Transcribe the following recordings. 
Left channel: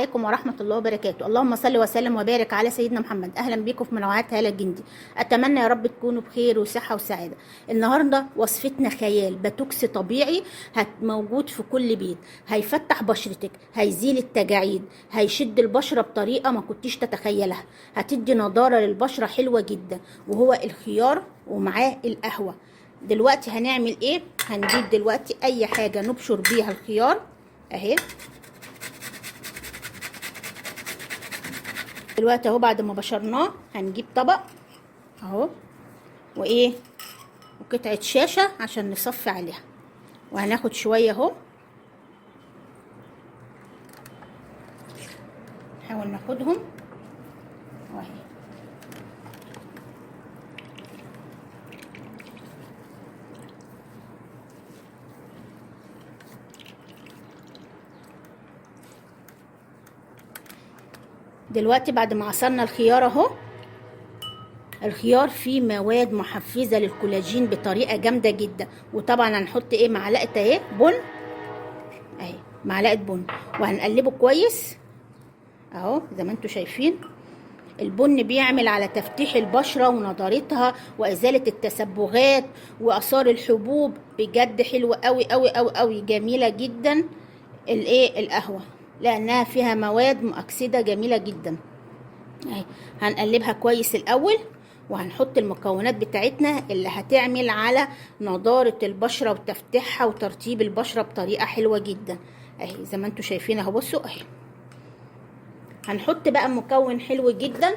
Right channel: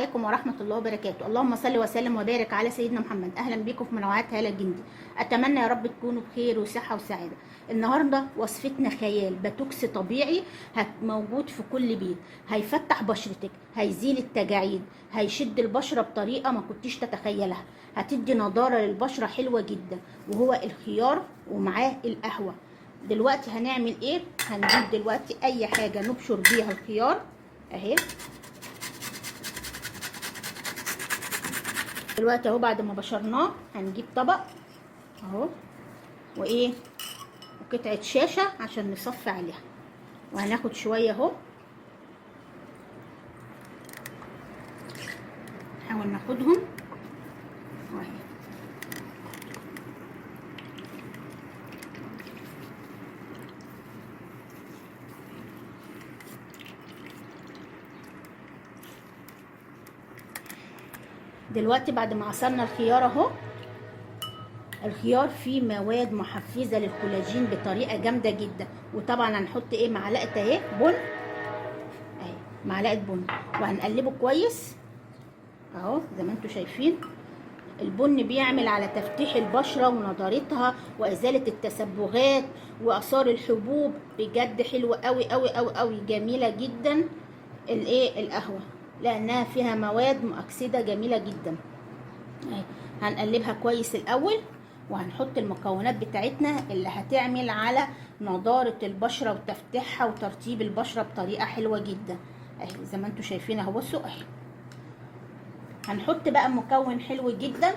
عليكم ورحمة الله وبركاته. اللهم صل وسلم وبارك على سيدنا محمد. أهلا بكم في منوعات هالة الجندي. أتمنى يا رب تكونوا بخير وصحة وسعادة. النهاردة وصفتنا خيال باتوكس طبيعي موجود في كل بيت، هيفتح بشرتك، هيزيل التجاعيد، هيشد البشرة بطريقة ما كنتيش تتخيلها، هتدي نضارة للبشرة حلوة جدا، وهو الخيار ومعاه القهوة. دلوقتي هنعمل ايه؟ هنجيب دلوقتي اي حاجة نبشر بيها الخيار اهي. دلوقتي اهو بعد ما بشرناه هنجيب طبق اهو وايه وقطعه شاشه عشان نصفي عليها، وهناخد شويه اهو نحاول ناخدهم واهي. دلوقتي بعد ما عصرنا الخيار اهو، الخيار فيه مواد محفزه للكولاجين بطريقه جامده جدا. وطبعا هنحط ايه؟ معلقه اهي بن اهي، معلقه بن، وهنقلبه كويس اهو زي ما انتم شايفين. البن بيعمل على تفتيح البشره ونضارتها وازاله التسبغات واثار الحبوب. بجد حلوه قوي قوي قوي قوي، جميله جدا الايه القهوه، لانها فيها مواد مؤكسده جميله جدا اهي. هنقلبها كويس الاول، وهنحط المكونات بتاعتنا اللي هتعمل على نضاره البشره وتفتيحها وترطيب البشره بطريقه حلوه جدا اهي زي ما انتم شايفين اهو. بصوا اهي، هنحط بقى مكون حلو جدا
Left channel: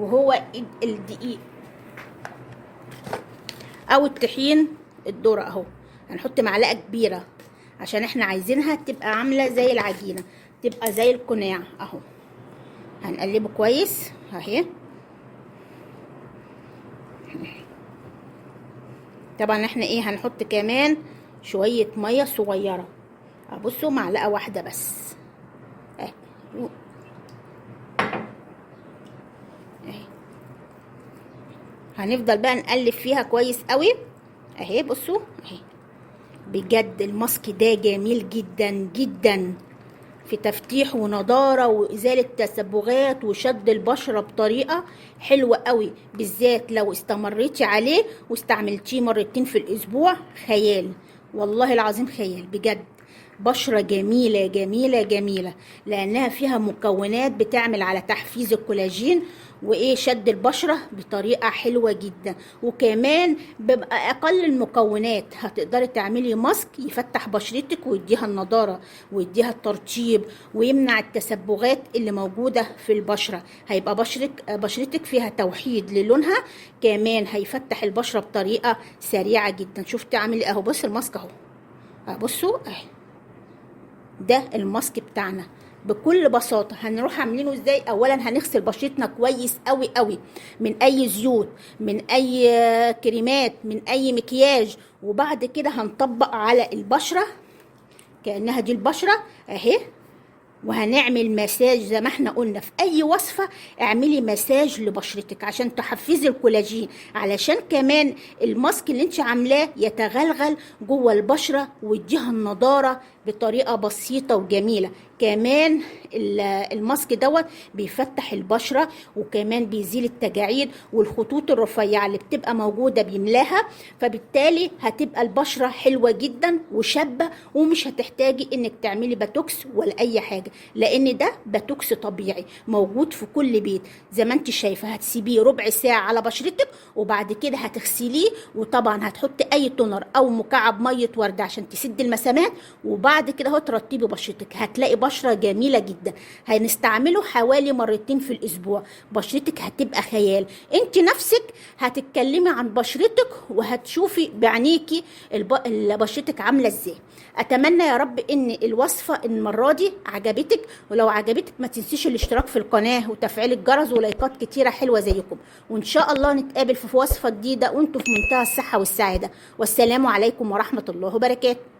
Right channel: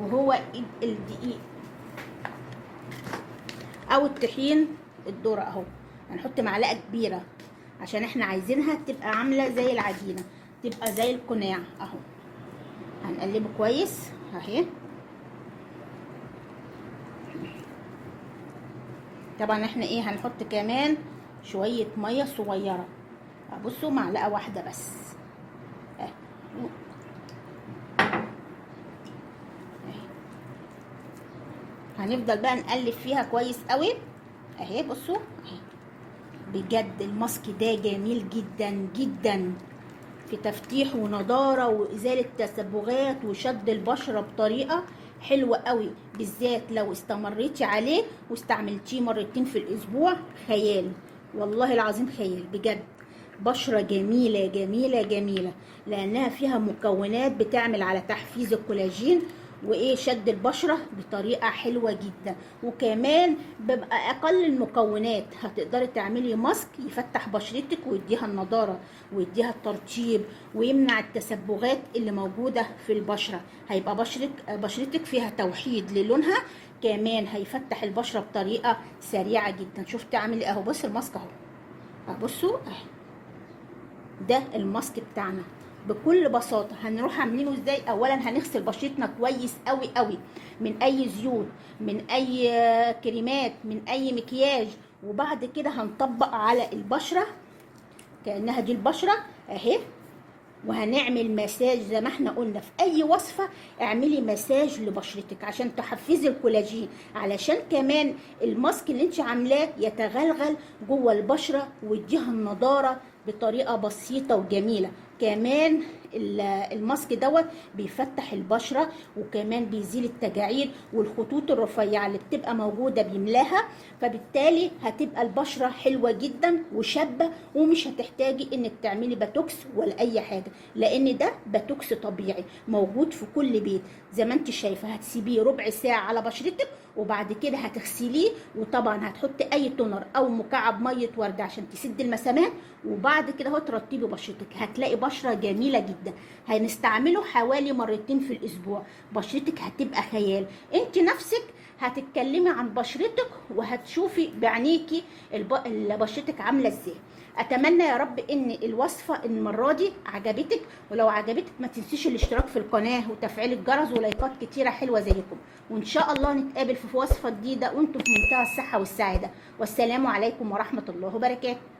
وهو الدقيق او الطحين الذره اهو. هنحط معلقه كبيره عشان احنا عايزينها تبقى عامله زي العجينه، تبقى زي القناع اهو. هنقلبه كويس اهي. طبعا احنا ايه هنحط كمان شويه ميه صغيره، بصوا معلقه واحده بس اهي. هنفضل بقى نقلب فيها كويس قوي اهي. بصوا اهي، بجد الماسك ده جميل جدا جدا في تفتيح ونضاره وازاله تسبغات وشد البشره بطريقه حلوه قوي، بالذات لو استمريتي عليه واستعملتيه مرتين في الاسبوع. خيال والله العظيم، خيال بجد. بشرة جميلة جميلة جميلة، لأنها فيها مكونات بتعمل على تحفيز الكولاجين وإيه شد البشرة بطريقة حلوة جدا. وكمان بيبقى أقل المكونات هتقدري تعملي ماسك يفتح بشرتك ويديها النضارة ويديها الترطيب ويمنع التسبغات اللي موجودة في البشرة. هيبقى بشرتك فيها توحيد للونها، كمان هيفتح البشرة بطريقة سريعة جدا. شفت عامل ايه اهو؟ بص الماسك اهو، بصوا اهي، ده الماسك بتاعنا بكل بساطه. هنروح عاملينه ازاي؟ اولا هنغسل بشرتنا كويس قوي قوي من اي زيوت، من اي كريمات، من اي مكياج، وبعد كده هنطبق على البشره كانها دي البشره اهي. وهنعمل مساج زي ما احنا قلنا في اي وصفه، اعملي مساج لبشرتك عشان تحفزي الكولاجين، علشان كمان الماسك اللي انت عاملاه يتغلغل جوه البشره ويديها النضاره بطريقه بسيطه وجميله. كمان الماسك دوت بيفتح البشره، وكمان بيزيل التجاعيد والخطوط الرفيعه اللي بتبقى موجوده بيملاها، فبالتالي هتبقى البشره حلوه جدا وشابه، ومش هتحتاجي انك تعملي باتوكس ولا اي حاجه، لان ده باتوكس طبيعي موجود في كل بيت. زي ما انت شايفه، هتسيبيه ربع ساعه على بشرتك وبعد كده هتغسليه، وطبعا هتحطي اي تونر او مكعب ميه ورد عشان تسد المسامات، وبعد كده اهو ترطبي بشرتك، هتلاقي بشره جميله جدا. هنستعمله حوالي مرتين في الاسبوع، بشرتك هتبقى خيال. انت نفسك هتتكلمي عن بشرتك وهتشوفي بعينيكي بشرتك عامله ازاي. اتمنى يا رب ان الوصفه المره دي عجبتك، ولو عجبتك ما تنسيش الاشتراك في القناه وتفعيل الجرس ولايكات كتيره حلوه زيكم. وان شاء الله نتقابل في وصفه جديده وانتم في منتهى الصحه والسعاده. والسلام عليكم ورحمه الله وبركاته.